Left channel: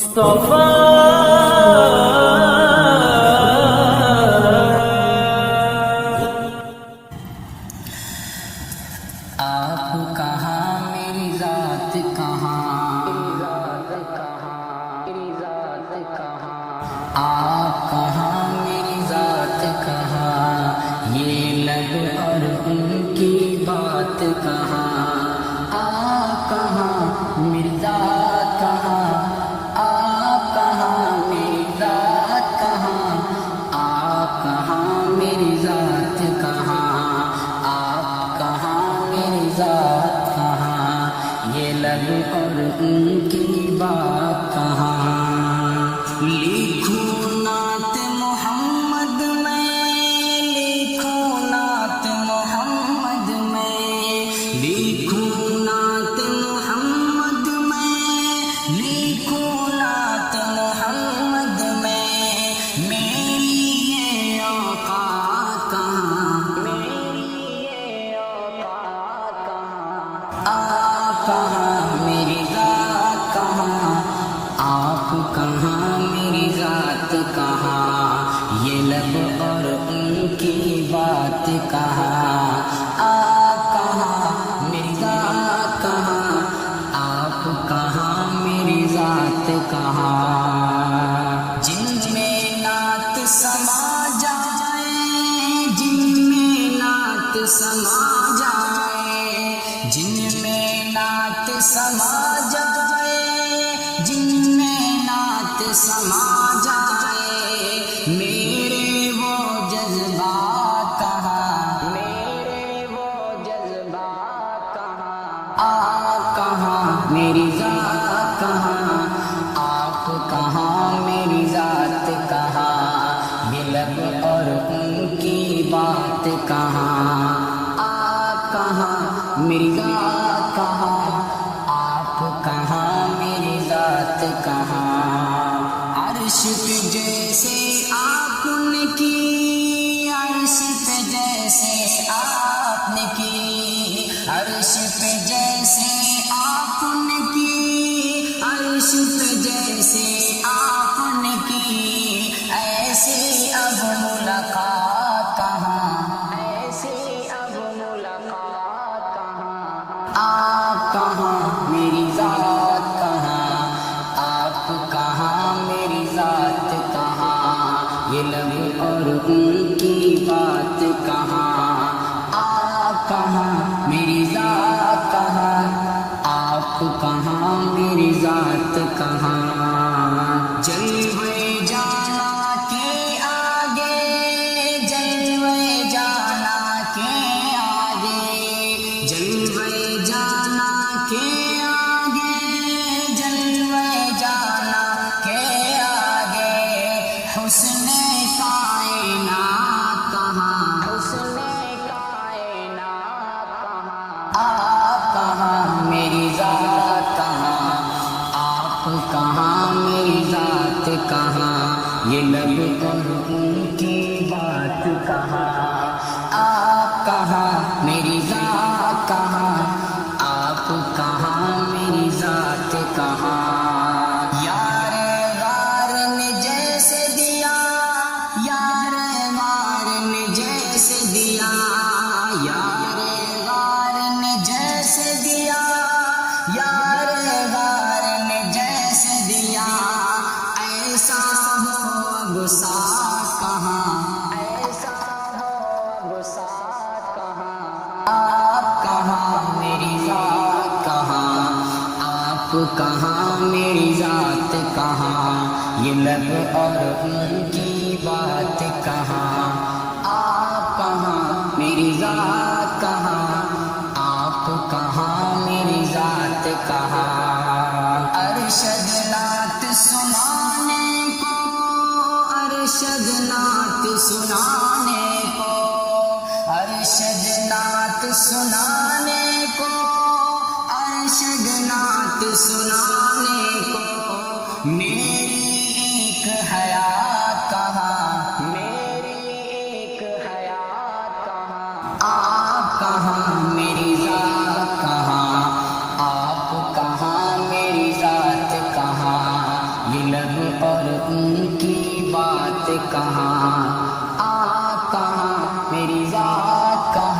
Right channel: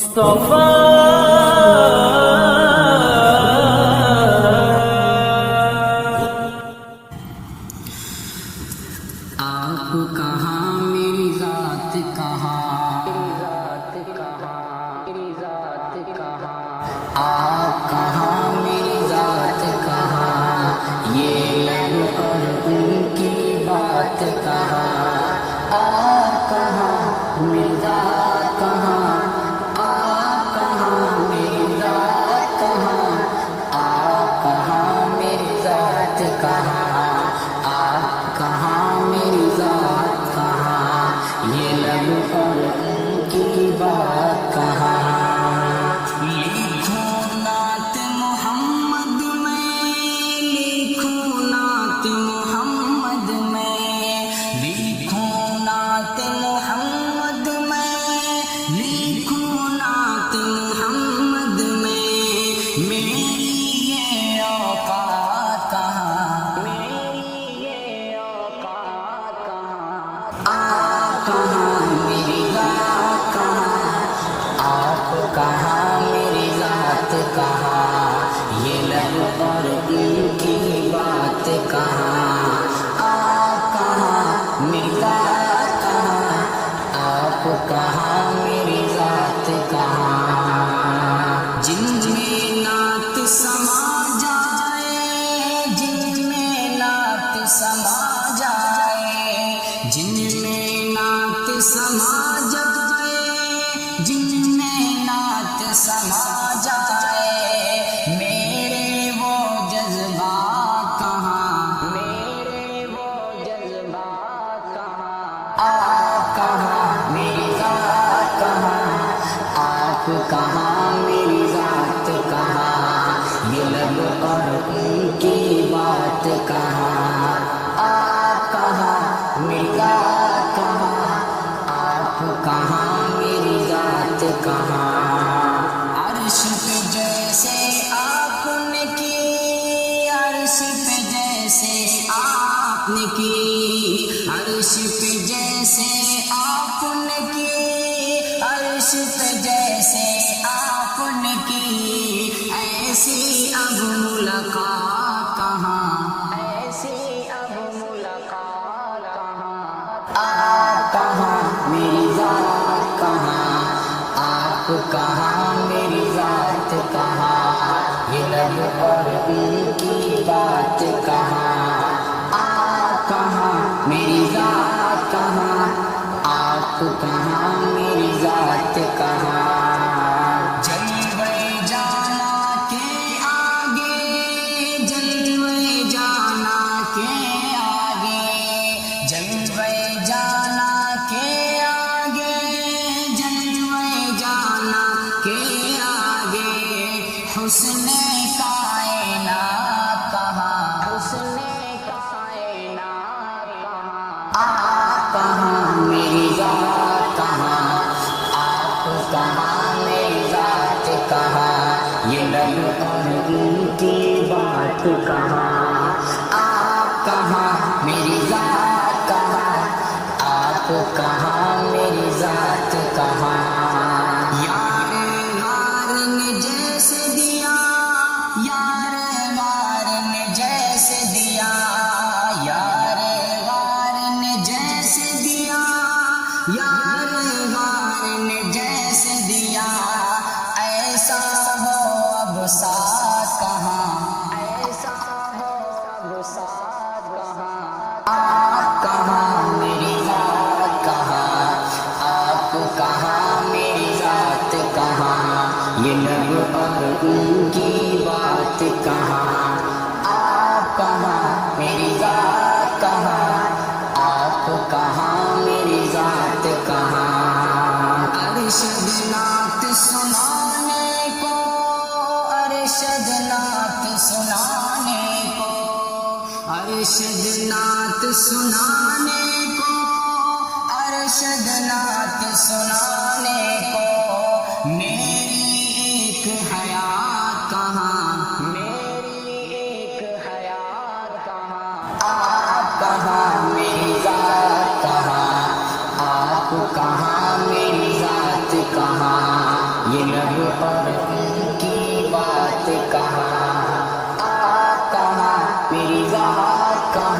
آپ کہاں میری ذات کہاں، آپ کہاں میری ذات کہاں، یہ لب اور ان کی بات کہاں، آپ کہاں میری ذات کہاں، آپ کہاں میری ذات کہاں، آپ کہاں میری ذات کہاں، آپ کہاں میری ذات کہاں، یہ لب اور ان کی بات کہاں۔ لکھوں نعت محمد میں، لکھوں نعت محمد میں، لکھوں نعت محمد میں، لکھوں نعت محمد میں، میری یہ اوقات کہاں، میری یہ اوقات کہاں، آپ کہاں میری ذات کہاں، آپ کہاں میری ذات کہاں، یہ لب اور ان کی بات کہاں، آپ کہاں میری ذات کہاں، آپ کہاں میری ذات کہاں۔ جن میں نعت سما جائے، جن میں نعت سما جائے، جن میں نعت سما جائے، جن میں نعت سما جائے، میرے وہ جذبات کہاں، میرے وہ جذبات کہاں، آپ کہاں میری ذات کہاں، آپ کہاں میری ذات کہاں، یہ لب اور ان کی بات کہاں، آپ کہاں میری ذات کہاں، آپ کہاں میری ذات کہاں۔ عرش پہ جیسے آپ نے کی، عرش پہ جیسے آپ نے کی، عرش پہ جیسے آپ نے کی، عرش پہ جیسے آپ نے کی، ایسی اب ملاقات کہاں، ایسی اب ملاقات کہاں، آپ کہاں میری ذات کہاں، آپ کہاں میری ذات کہاں، یہ لب اور ان کی بات کہاں، آپ کہاں میری ذات کہاں، آپ کہاں میری ذات کہاں۔ جلوے جانا کے آگے، جلوے جانا کے آگے، جلوے جانا کے آگے، جلوے جانا کے آگے، حسن کائنات کہاں، حسن کائنات کہاں، آپ کہاں میری ذات کہاں، آپ کہاں میری ذات کہاں، یہ لب اور ان کی بات کہاں، آپ کہاں میری ذات کہاں، آپ کہاں میری ذات کہاں۔ یار غار نے جیسے دیا، یار غار نے جیسے دیا، یار غار نے جیسے دیا، یار غار نے جیسے دیا، ایسا ہو اب ساتھ کہاں، ایسا ہو اب ساتھ کہاں، آپ کہاں میری ذات کہاں، آپ کہاں میری ذات کہاں، یہ لب اور ان کی بات کہاں، آپ کہاں میری ذات کہاں، آپ کہاں میری ذات کہاں۔ ارشد نعت سنانے کو، ارشد نعت سنانے کو، ارشد نعت سنانے کو، ارشد نعت سنانے کو، میری ایک حیات کہاں، میری ایک حیات کہاں، آپ کہاں میری ذات کہاں، آپ کہاں میری ذات کہاں، یہ لب اور ان کی بات کہاں، کہاں میری ذات کہاں.